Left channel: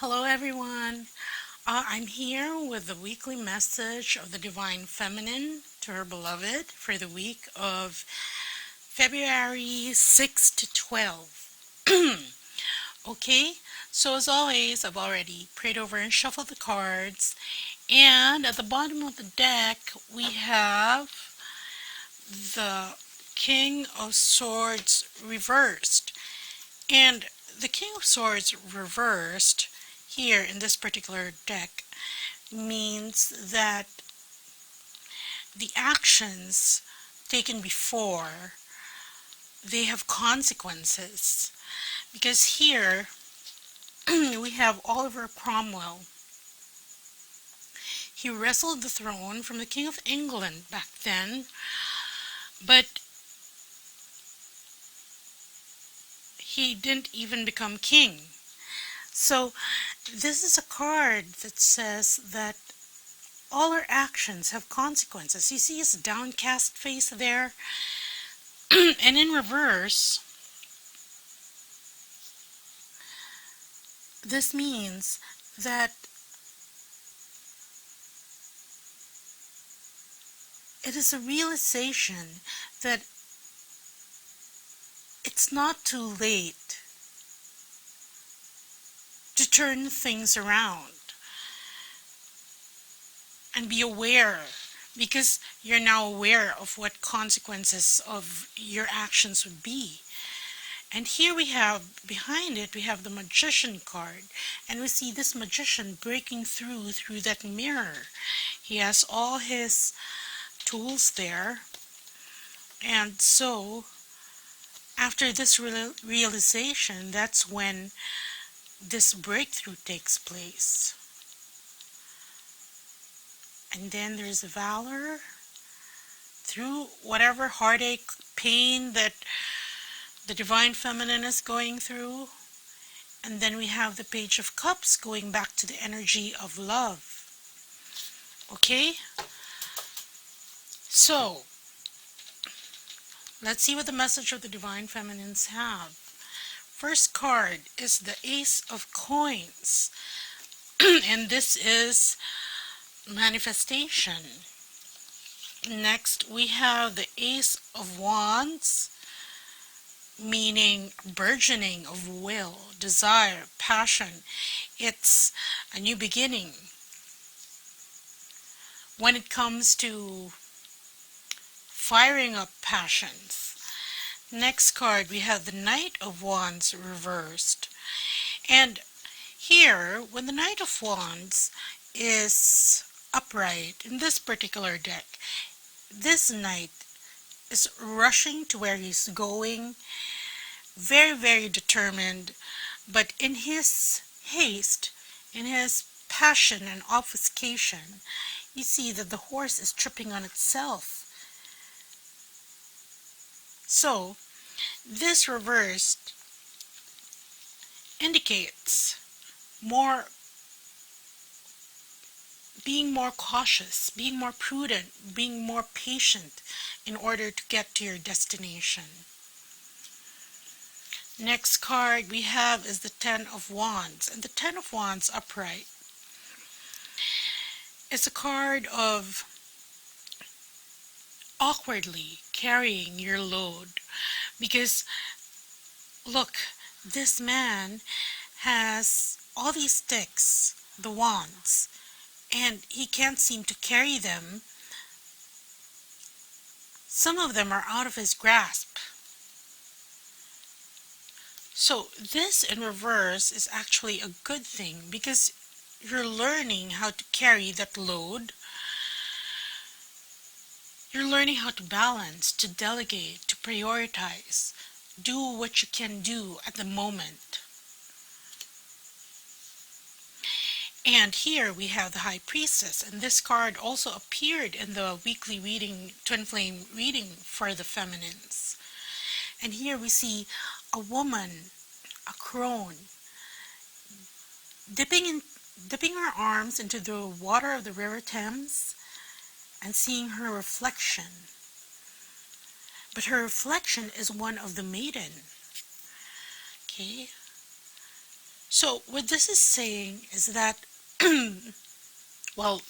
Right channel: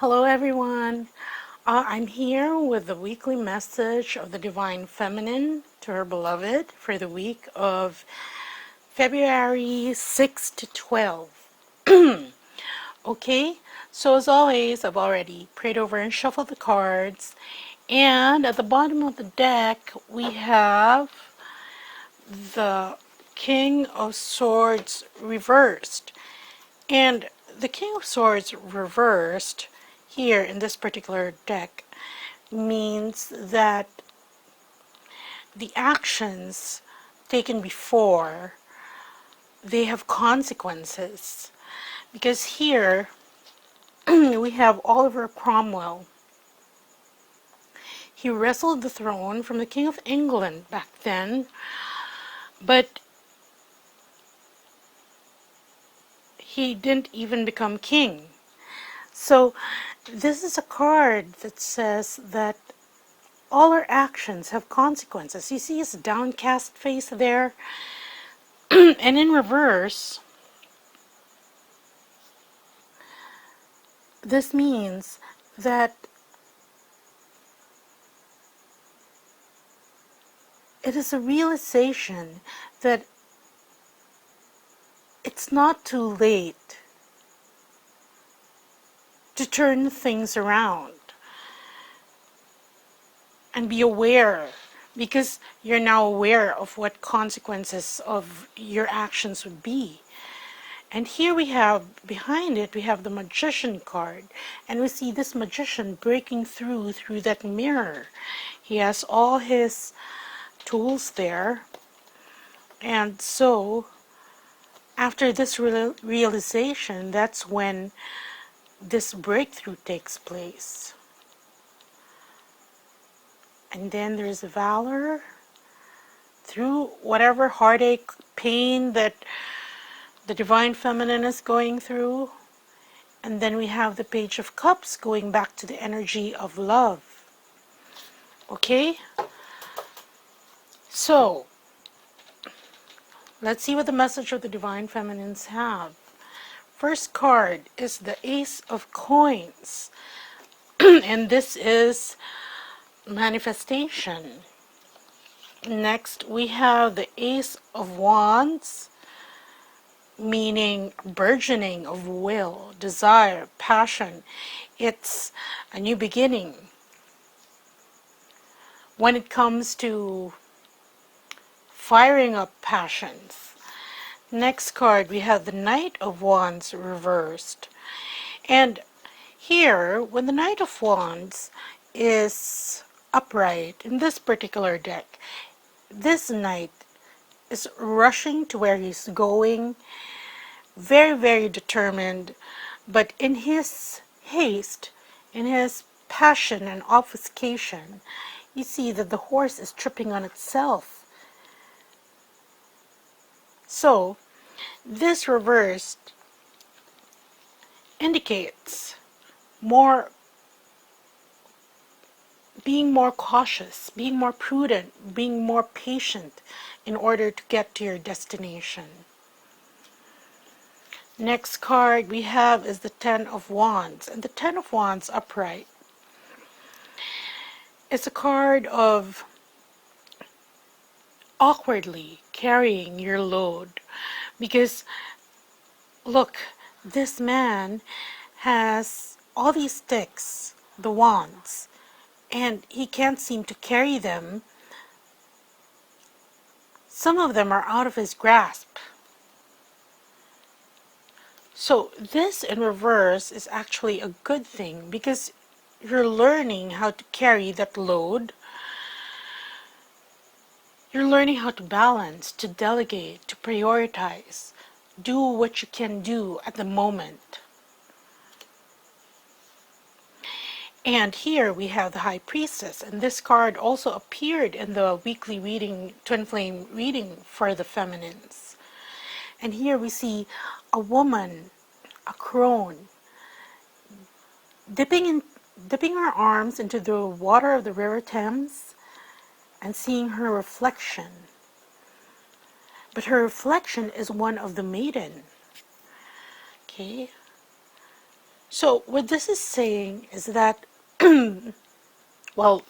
Hello everyone. I'm here with the weekly message of the Divine Feminine to her beloved for the week of February 6 to 12. Okay, so as always, I've already prayed over and shuffled the cards. And at the bottom of the deck, we have the King of Swords reversed. And the King of Swords reversed here in this particular deck means that the actions taken before, they have consequences. Because here we have Oliver Cromwell. He wrestled the throne from the King of England back then, but he didn't even become king. So this is a card that says that all our actions have consequences. You see his downcast face there? And in reverse, this means that it is a realization that it's not too late to turn things around and be aware, because you're now aware of what consequences of your actions would be. And here we have, behind it, we have the Magician card. And we see this magician breaking through that mirror. He has all his tools there. And so, after this realization, that's when this breakthrough takes place. And then there's valor through whatever heartache, pain that the Divine Feminine is going through. And then we have the Page of Cups going back to the energy of love. Okay? So, let's see what the message of the Divine Feminines have. First card is the Ace of Coins. And this is manifestation. Next, we have the Ace of Wands, meaning burgeoning of will, desire, passion. It's a new beginning. When it comes to firing up passions. Next card, we have the Knight of Wands reversed. And here, when the Knight of Wands is upright in this particular deck, this knight is rushing to where he's going, very, very determined, but in his haste, in his passion and obfuscation, you see that the horse is tripping on itself. So, this reversed indicates being more cautious, being more prudent, being more patient in order to get to your destination. Next card we have is the Ten of Wands. And the Ten of Wands upright is a card of awkwardly carrying your load. Because, look, this man has all these sticks, the wands, and he can't seem to carry them. Some of them are out of his grasp. So this in reverse is actually a good thing, because you're learning how to carry that load. You're learning how to balance, to delegate, to prioritize. Do what you can do at the moment. And here we have the High Priestess, and this card also appeared in the weekly reading, Twin Flame reading for the feminines. And here we see a woman, a crone, dipping her arms into the water of the River Thames and seeing her reflection. But her reflection is one of the maiden. Okay? So what this is saying is that, well,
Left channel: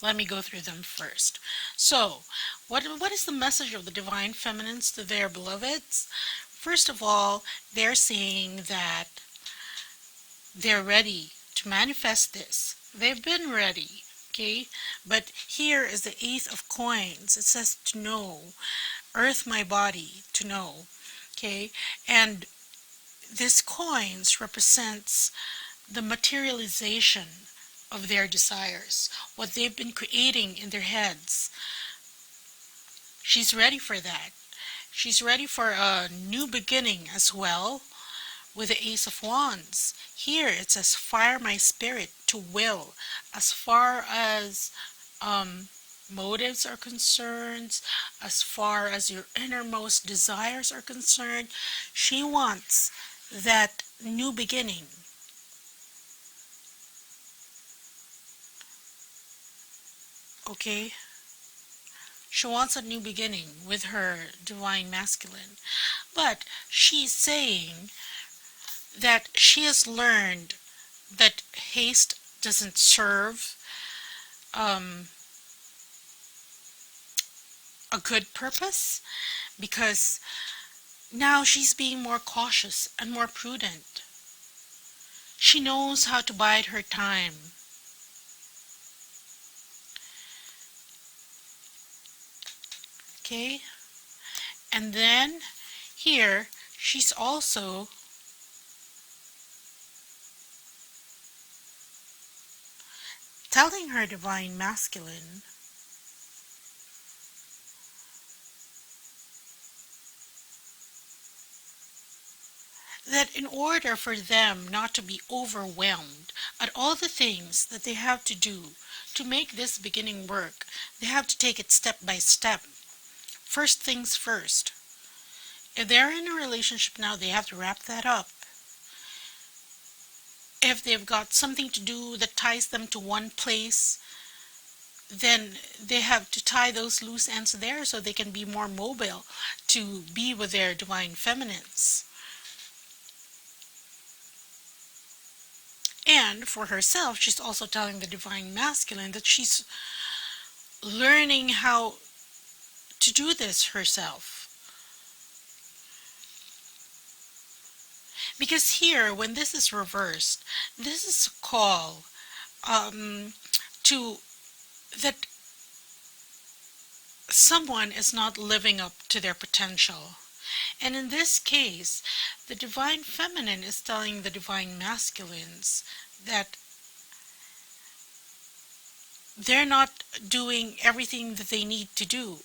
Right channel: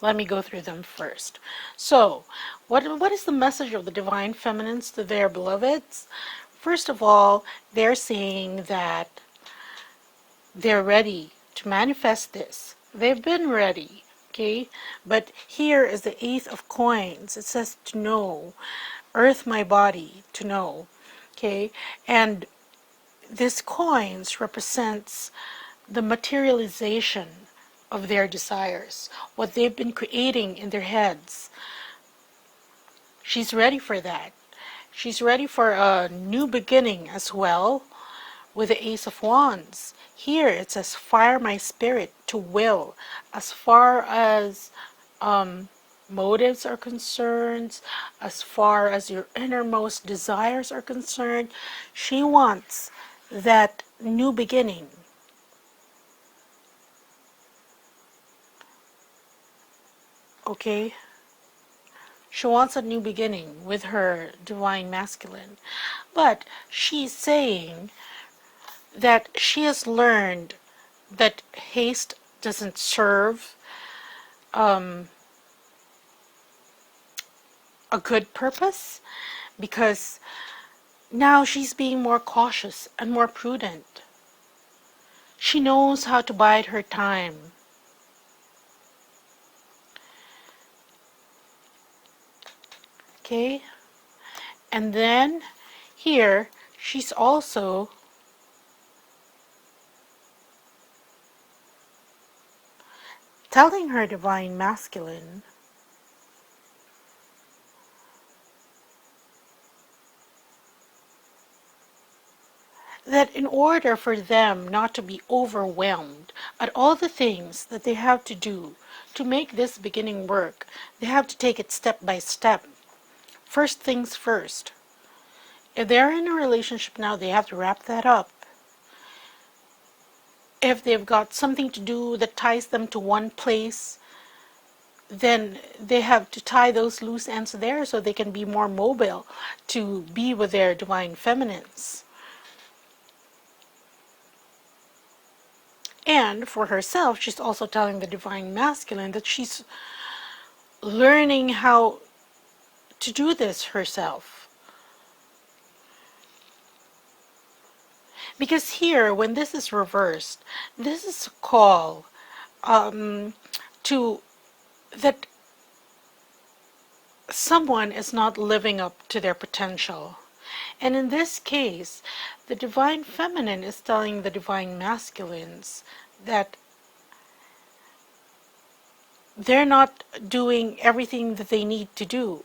let me go through them first. So, what is the message of the divine feminines to their beloveds? First of all, they're saying that they're ready to manifest this. They've been ready, okay? But here is the Ace of Coins. It says to know, earth my body, to know, okay? And this coins represents the materialization of their desires, what they've been creating in their heads. She's ready for that. She's ready for a new beginning as well with the Ace of Wands. Here it says, fire my spirit to will. As far as motives are concerned, as far as your innermost desires are concerned, she wants that new beginning. Okay? She wants a new beginning with her divine masculine. But she's saying that she has learned that haste doesn't serve a good purpose, because now she's being more cautious and more prudent. She knows how to bide her time. Okay? And then here she's also telling her divine masculine that in order for them not to be overwhelmed at all the things that they have to do to make this beginning work, they have to take it step by step. First things first. If they're in a relationship now, they have to wrap that up. If they've got something to do that ties them to one place, then they have to tie those loose ends there so they can be more mobile to be with their divine feminines. And for herself, she's also telling the divine masculine that she's learning how to do this herself. Because here, when this is reversed, this is a call to that someone is not living up to their potential. And in this case, the divine feminine is telling the divine masculines that they're not doing everything that they need to do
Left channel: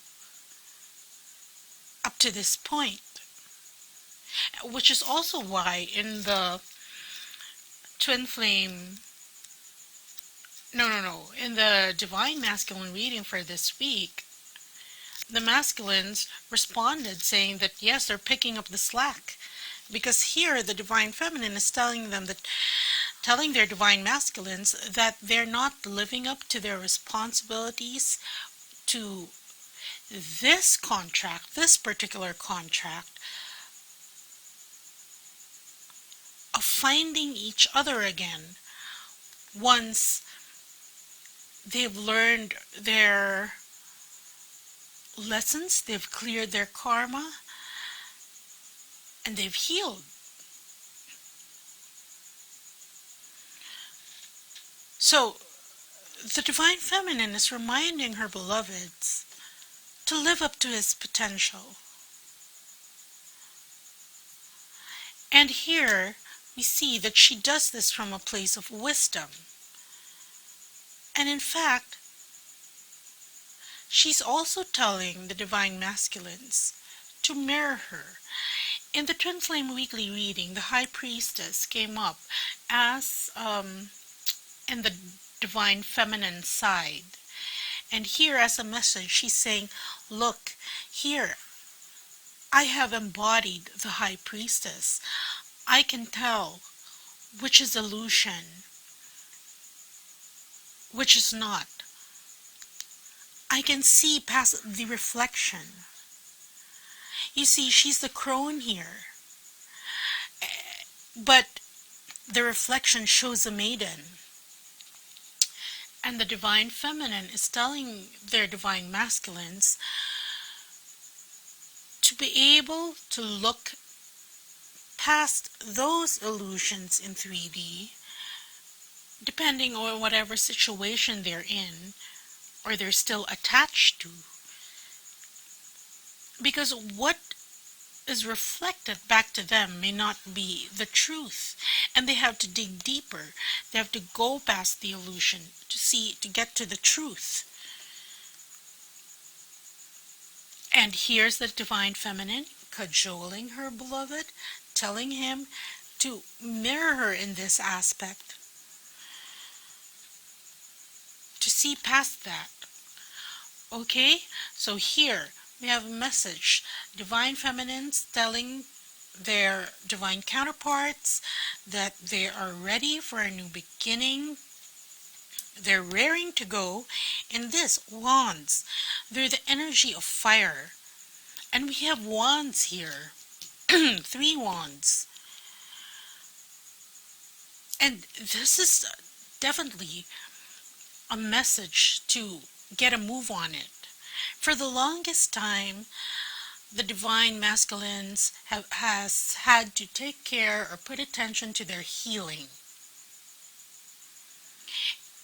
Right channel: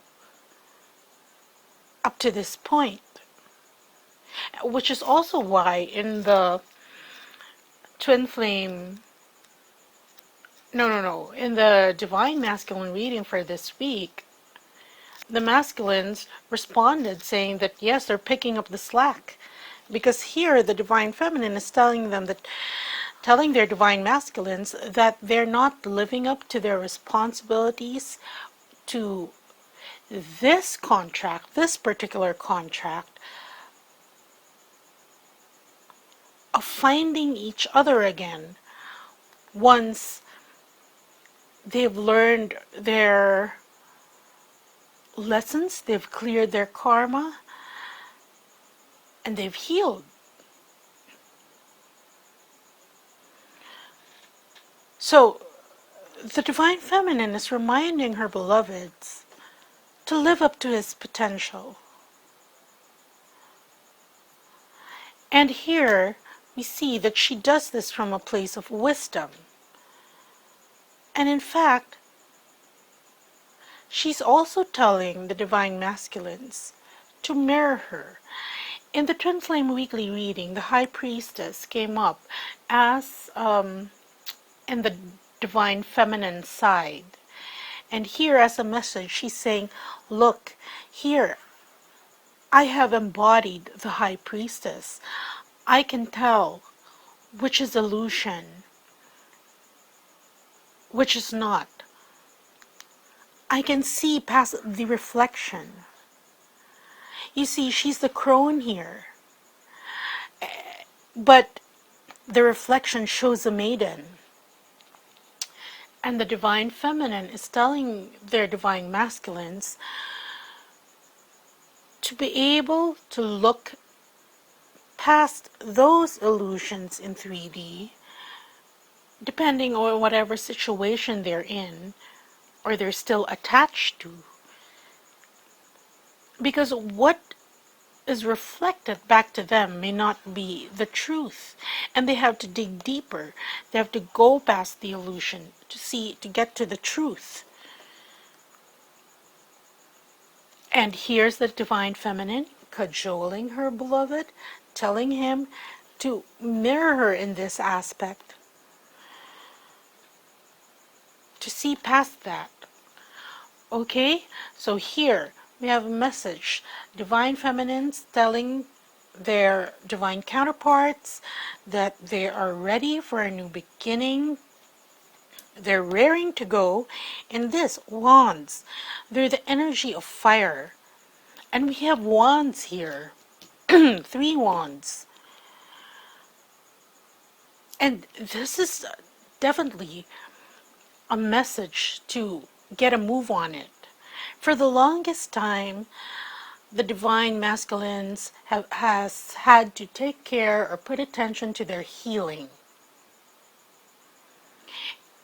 up to this point. Which is also why in the twin flame, in the divine masculine reading for this week, the masculines responded saying that yes, they're picking up the slack. Because here the divine feminine is telling them that, telling their divine masculines that they're not living up to their responsibilities to this contract, this particular contract, of finding each other again once they've learned their lessons, they've cleared their karma, and they've healed. So the divine feminine is reminding her beloveds to live up to his potential. And here we see that she does this from a place of wisdom. And in fact, she's also telling the divine masculines to mirror her. In the Twin Flame Weekly reading, the High Priestess came up as in the divine feminine side. And here as a message, she's saying, look, here, I have embodied the High Priestess. I can tell which is illusion, which is not. I can see past the reflection. You see, she's the crone here. But the reflection shows a maiden. And the divine feminine is telling their divine masculines to be able to look past those illusions in 3D, depending on whatever situation they're in or they're still attached to. Because what is reflected back to them may not be the truth, and they have to dig deeper. They have to go past the illusion to get to the truth. And here's the divine feminine cajoling her beloved, telling him to mirror her in this aspect, to see past that. Okay, so here we have a message. Divine feminines telling their divine counterparts that they are ready for a new beginning. They're raring to go. In this, wands. They're the energy of fire. And we have wands here. 3 wands. And this is definitely a message to get a move on it. For the longest time, the divine masculines has had to take care or put attention to their healing.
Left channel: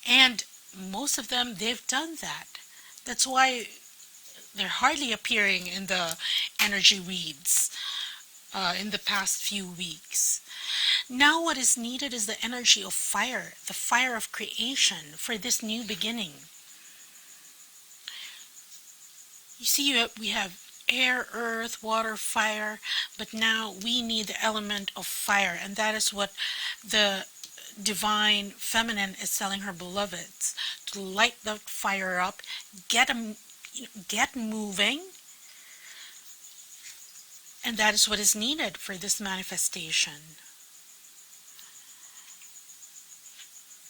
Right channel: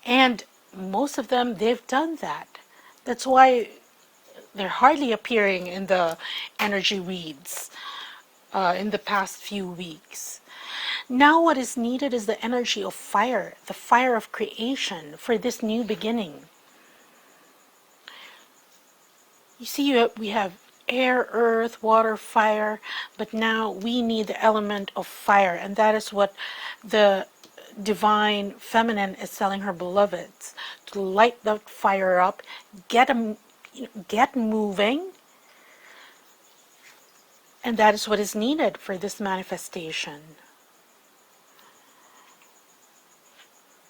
And most of them, they've done that. That's why they're hardly appearing in the energy reads in the past few weeks. Now what is needed is the energy of fire, the fire of creation for this new beginning. You see, we have air, earth, water, fire, but now we need the element of fire, and that is what the divine feminine is telling her beloveds, to light that fire up, get moving, and that is what is needed for this manifestation.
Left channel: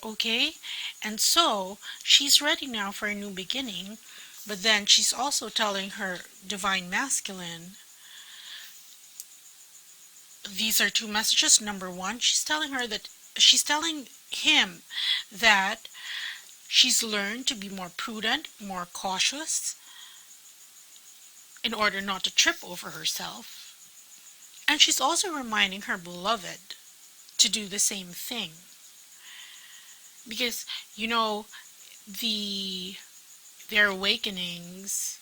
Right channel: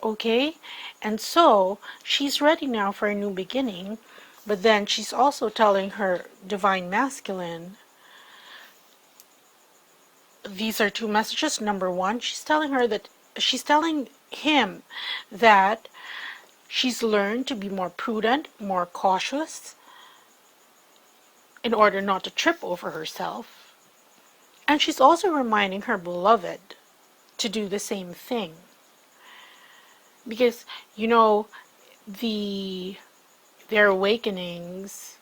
Okay, and so she's ready now for a new beginning, but then she's also telling her divine masculine, these are 2 messages. Number 1, she's telling him that she's learned to be more prudent, more cautious, in order not to trip over herself. And she's also reminding her beloved to do the same thing. Because, you know, their awakenings,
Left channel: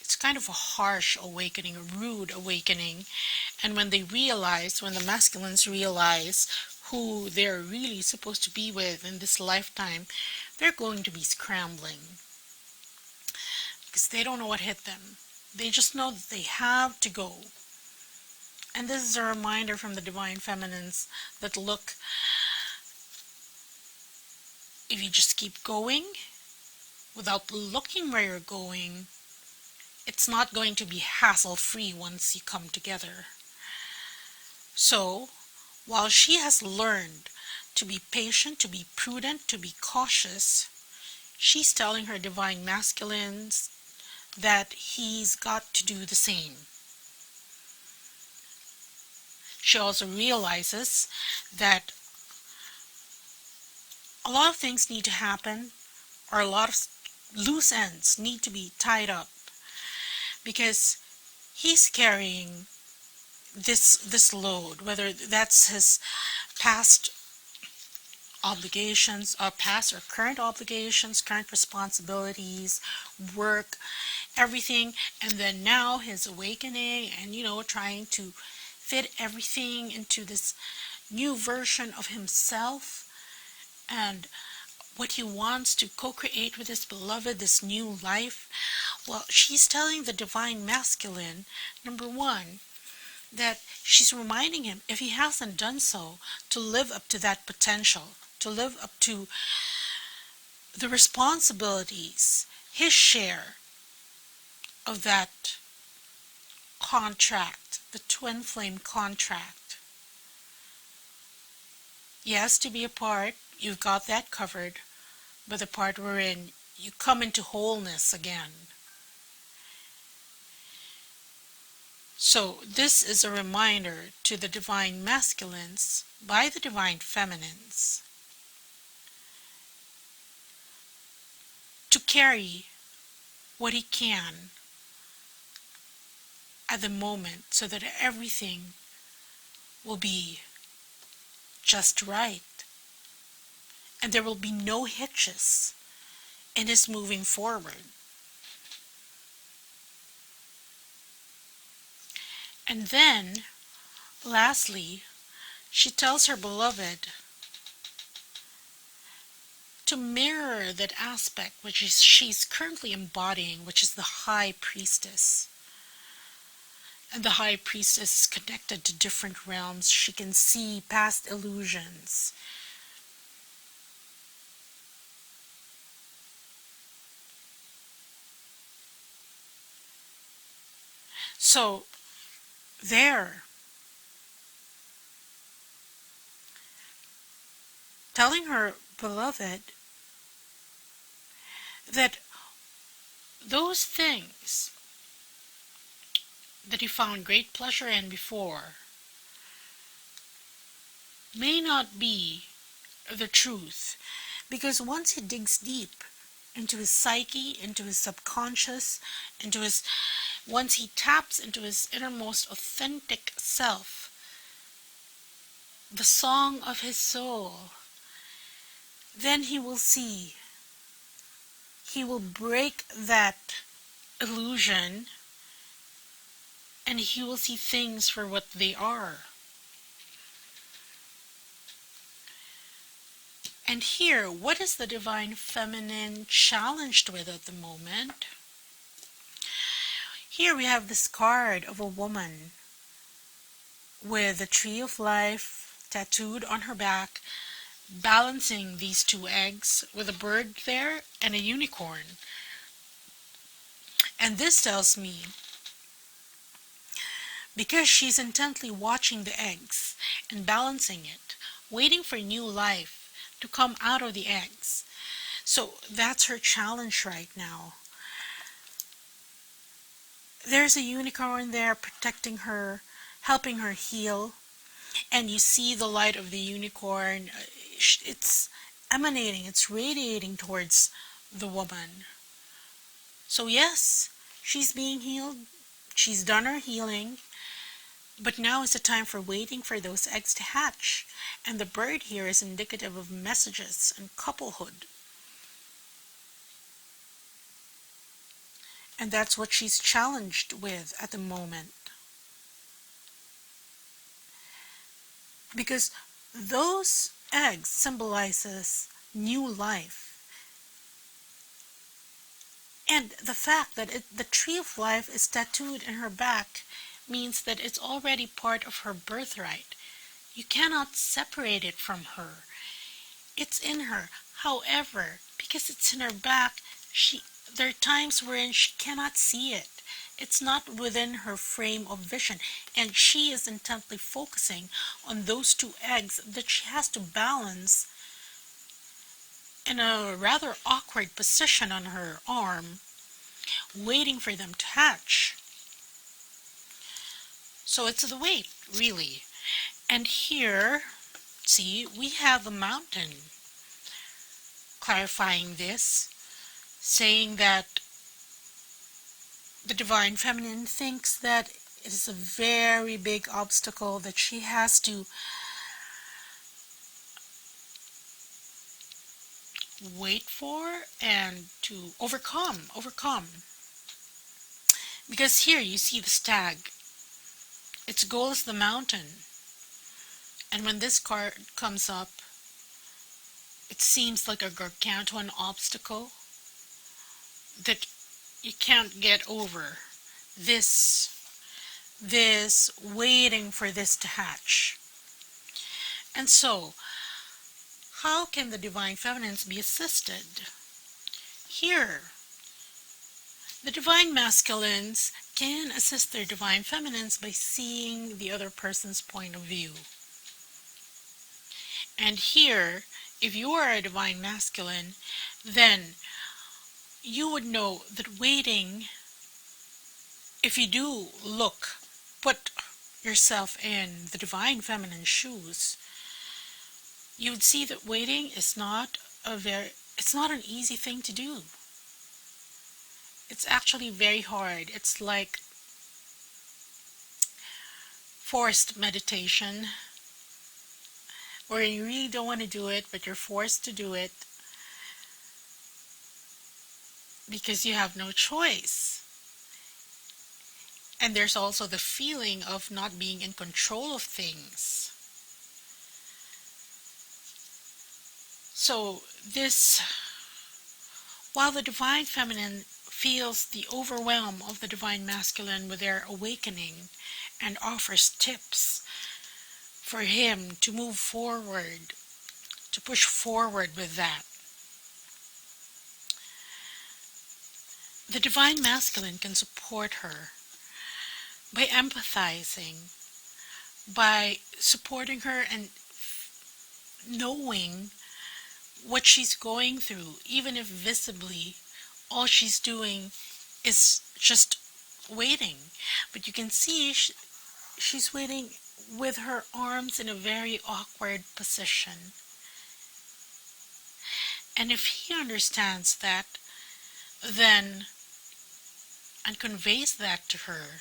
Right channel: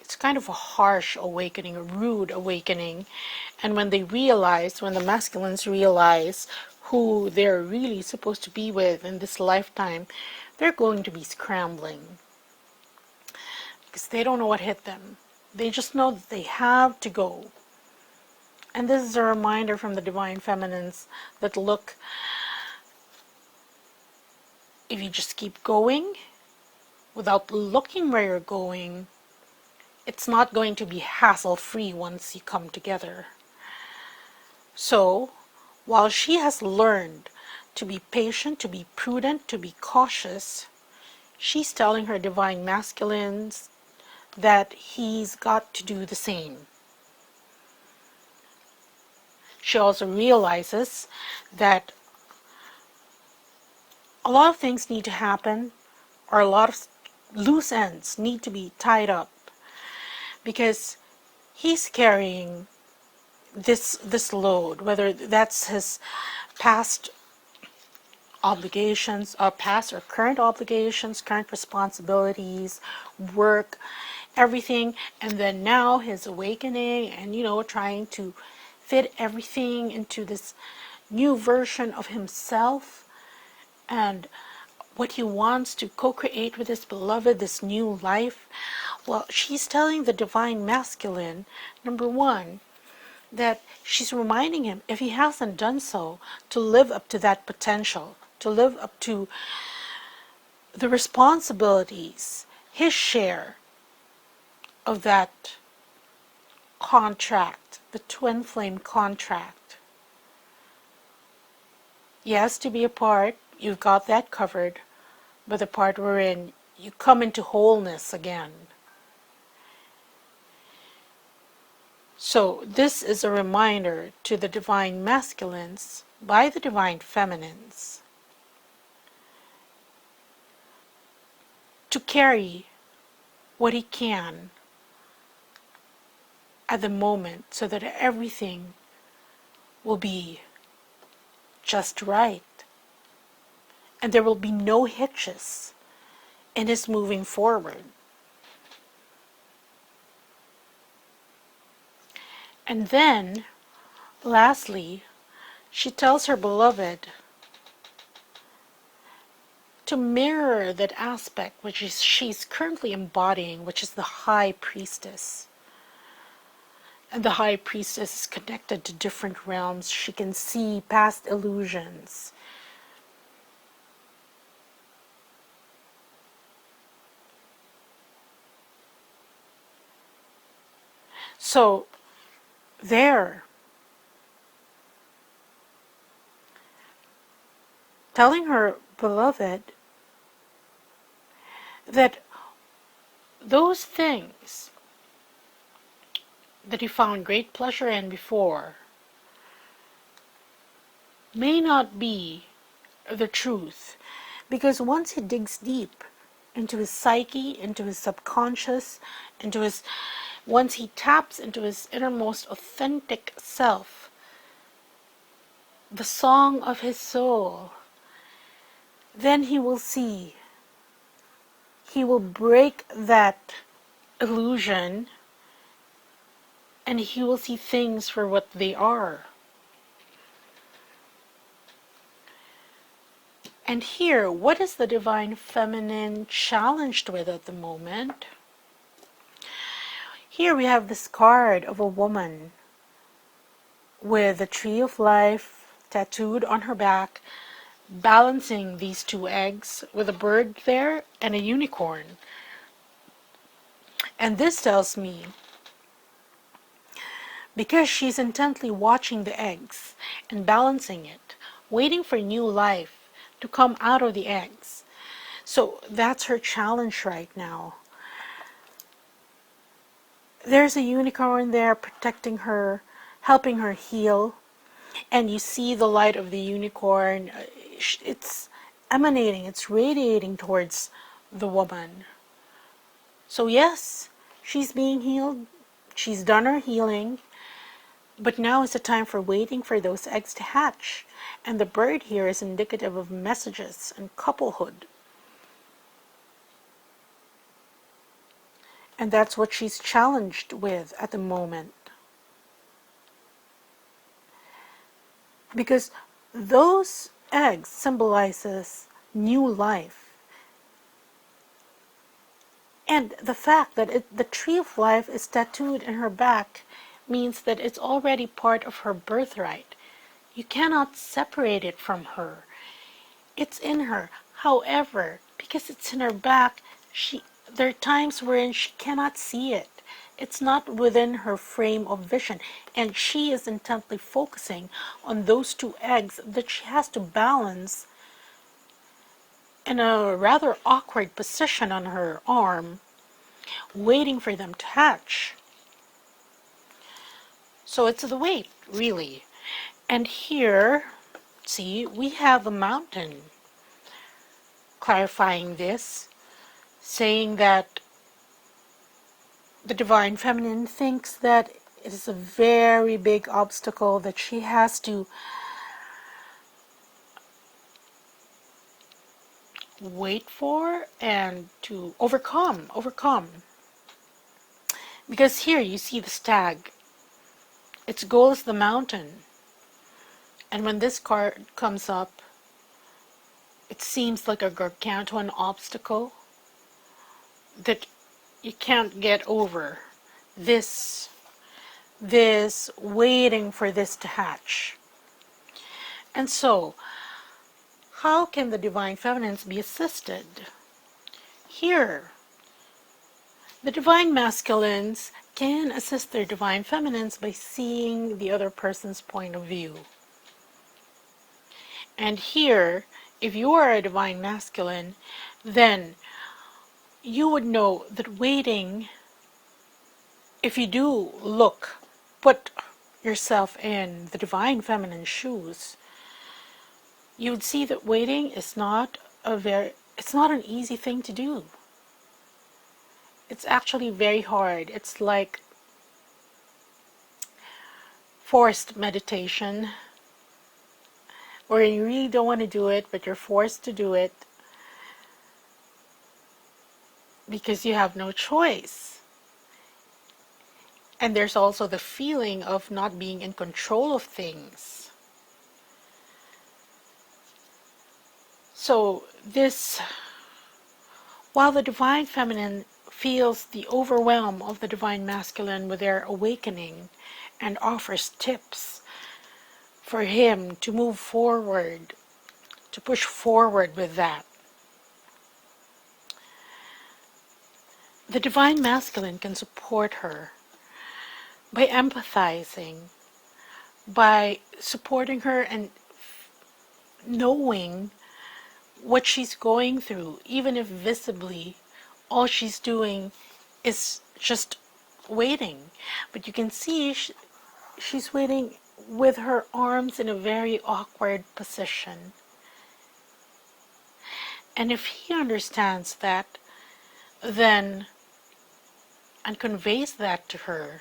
it's kind of a harsh awakening, a rude awakening. And when the masculines realize who they're really supposed to be with in this lifetime, they're going to be scrambling. Because they don't know what hit them. They just know that they have to go. And this is a reminder from the divine feminines that, look, if you just keep going without looking where you're going, it's not going to be hassle-free once you come together. So, while she has learned to be patient, to be prudent, to be cautious, she's telling her divine masculines that he's got to do the same. She also realizes that a lot of things need to happen, or a lot of loose ends need to be tied up, because he's carrying this load, whether that's his past obligations, past or current obligations, current responsibilities, work, everything, and then now his awakening, and trying to fit everything into this new version of himself, and what he wants to co-create with his beloved, this new life. Well, she's telling the divine masculine, number 1, that she's reminding him, if he hasn't done so, to live up to that potential, to live up to the responsibilities, his share of that contract, the twin flame contract. Yes, to be a part, you've got that covered, but the part wherein you come into wholeness again. So this is a reminder to the divine masculines by the divine feminines to carry what he can at the moment so that everything will be just right and there will be no hitches in his moving forward. And then, lastly, she tells her beloved to mirror that aspect which is she's currently embodying, which is the high priestess. And the high priestess is connected to different realms. She can see past illusions. So, there, telling her beloved that those things that he found great pleasure in before may not be the truth, because once he digs deep into his psyche, into his subconscious, once he taps into his innermost authentic self, the song of his soul, then he will see, he will break that illusion, and he will see things for what they are. And here, what is the divine feminine challenged with at the moment? Here we have this card of a woman with the tree of life tattooed on her back, balancing these two eggs with a bird there and a unicorn. And this tells me, because she's intently watching the eggs and balancing it, waiting for new life to come out of the eggs. So that's her challenge right now. There's a unicorn there protecting her, helping her heal. And you see the light of the unicorn. It's emanating, it's radiating towards the woman. So yes, she's being healed. She's done her healing. But now is the time for waiting for those eggs to hatch. And the bird here is indicative of messages and couplehood. And that's what she's challenged with at the moment. Because those eggs symbolizes new life. And the fact that the tree of life is tattooed in her back means that it's already part of her birthright. You cannot separate it from her. It's in her. However, because it's in her back, there are times wherein she cannot see it. It's not within her frame of vision. And she is intently focusing on those two eggs that she has to balance in a rather awkward position on her arm, waiting for them to hatch. So it's the wait, really. And here, see, we have a mountain clarifying this, saying that the divine feminine thinks that it is a very big obstacle that she has to wait for and to overcome. Because here you see the stag. Its goal is the mountain. And when this card comes up, it seems like a gargantuan obstacle that you can't get over. This waiting for this to hatch. And so, how can the divine feminines be assisted? Here, the divine masculines can assist their divine feminines by seeing the other person's point of view. And here, if you are a divine masculine, then you would know that waiting, if you do look put yourself in the divine feminine shoes, you would see that waiting is it's not an easy thing to do. It's actually very hard. It's like forced meditation, where you really don't want to do it, but you're forced to do it because you have no choice. And there's also the feeling of not being in control of things. So while the divine feminine feels the overwhelm of the divine masculine with their awakening and offers tips for him to move forward, to push forward with that, the divine masculine can support her by empathizing, by supporting her and knowing what she's going through, even if visibly all she's doing is just waiting. But you can see she's waiting with her arms in a very awkward position. And if he understands that, then, and conveys that to her,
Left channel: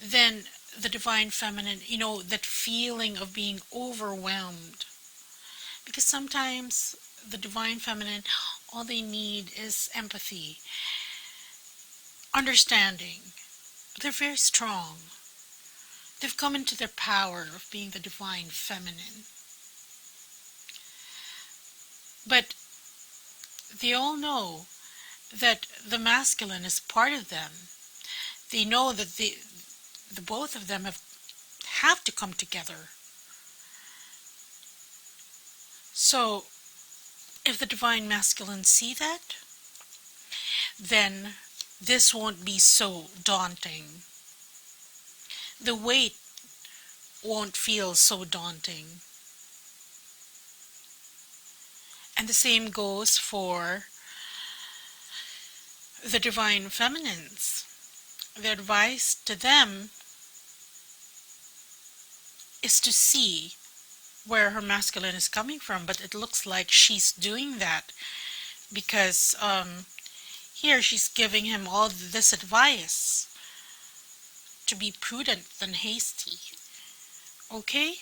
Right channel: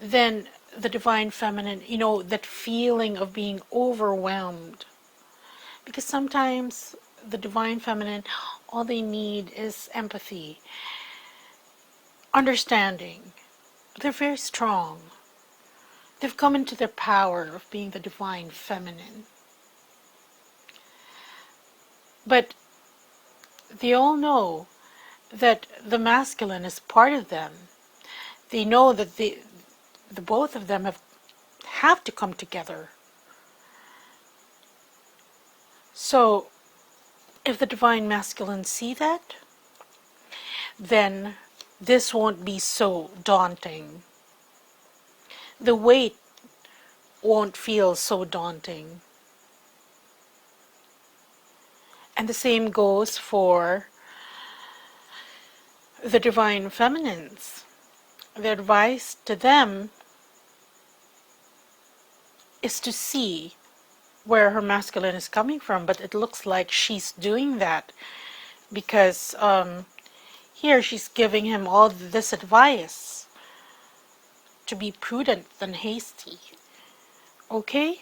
then the divine feminine, that feeling of being overwhelmed. Because sometimes the divine feminine, all they need is empathy, understanding. They're very strong. They've come into their power of being the divine feminine. But they all know that the masculine is part of them. They know that the both of them have to come together. So if the divine masculine see that, then this won't be so daunting. The weight won't feel so daunting. And the same goes for the divine feminines. The advice to them is to see where her masculine is coming from, but it looks like she's doing that because here she's giving him all this advice to be prudent and hasty. Okay,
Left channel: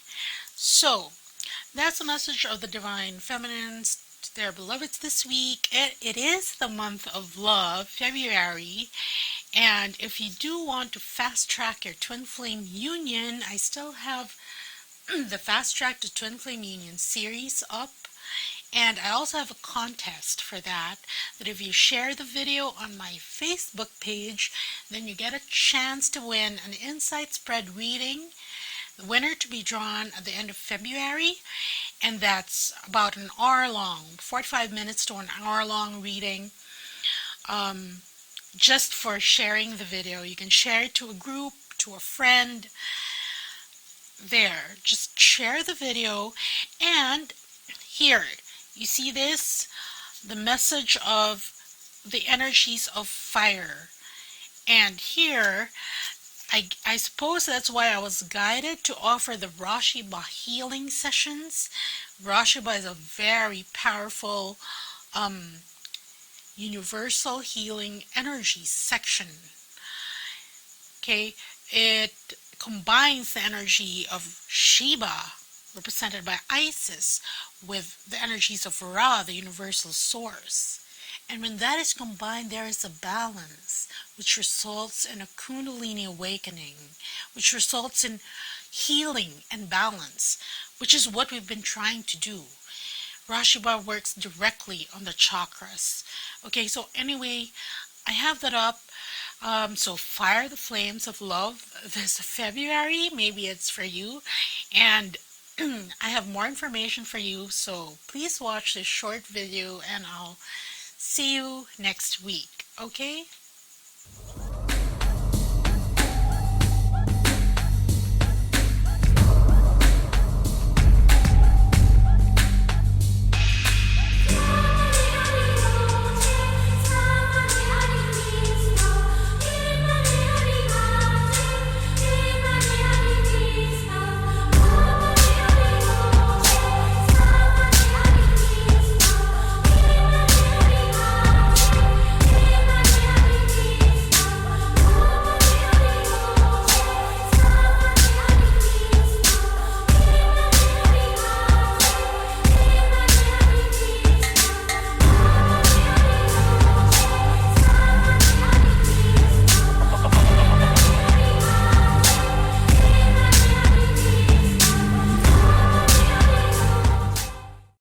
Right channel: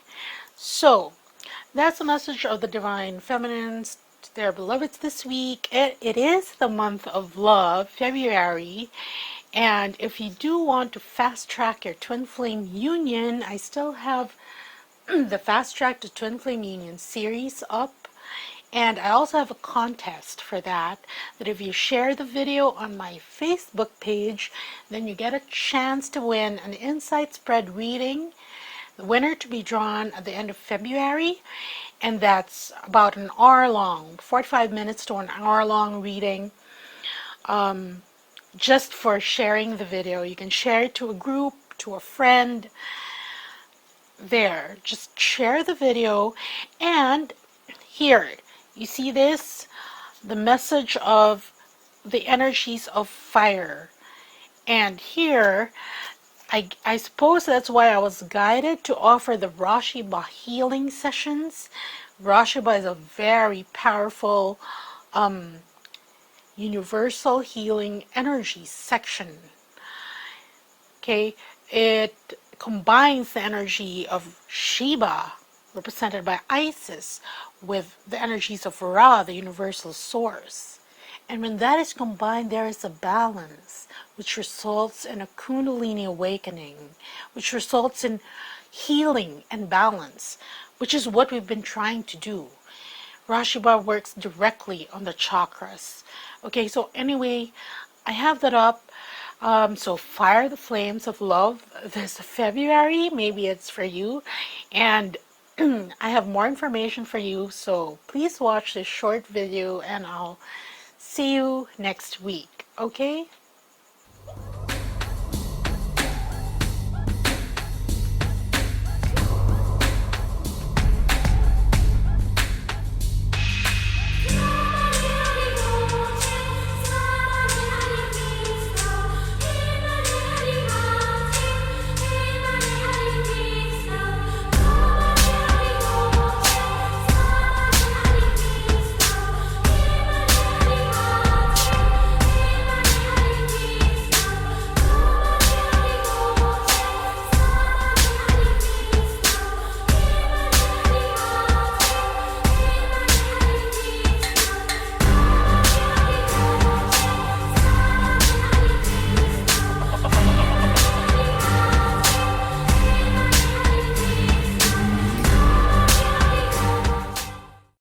so that's the message of the divine feminines to their beloveds this week. It is the month of love, February, and if you do want to fast track your twin flame union, I still have the Fast Track to Twin Flame Union series up, and I also have a contest for that if you share the video on my Facebook page, then you get a chance to win an Insight Spread reading, the winner to be drawn at the end of February, and that's about an hour long, 45 minutes to an hour long reading, just for sharing the video. You can share it to a group, to a friend. There, just share the video. And here you see this, the message of the energies of fire, and here I suppose that's why I was guided to offer the RASHEEBA healing sessions. RASHEEBA is a very powerful universal healing energy section. Okay, it combines the energy of Sheba, represented by Isis, with the energies of Ra, the universal source. And when that is combined, there is a balance, which results in a Kundalini awakening, which results in healing and balance, which is what we've been trying to do. RASHEEBA works directly on the chakras. Okay, so anyway, I have that up. So fire the flames of love this February. Maybe it's for you. And I have more information for you. So please watch this short video and I'll see you next week. Okay?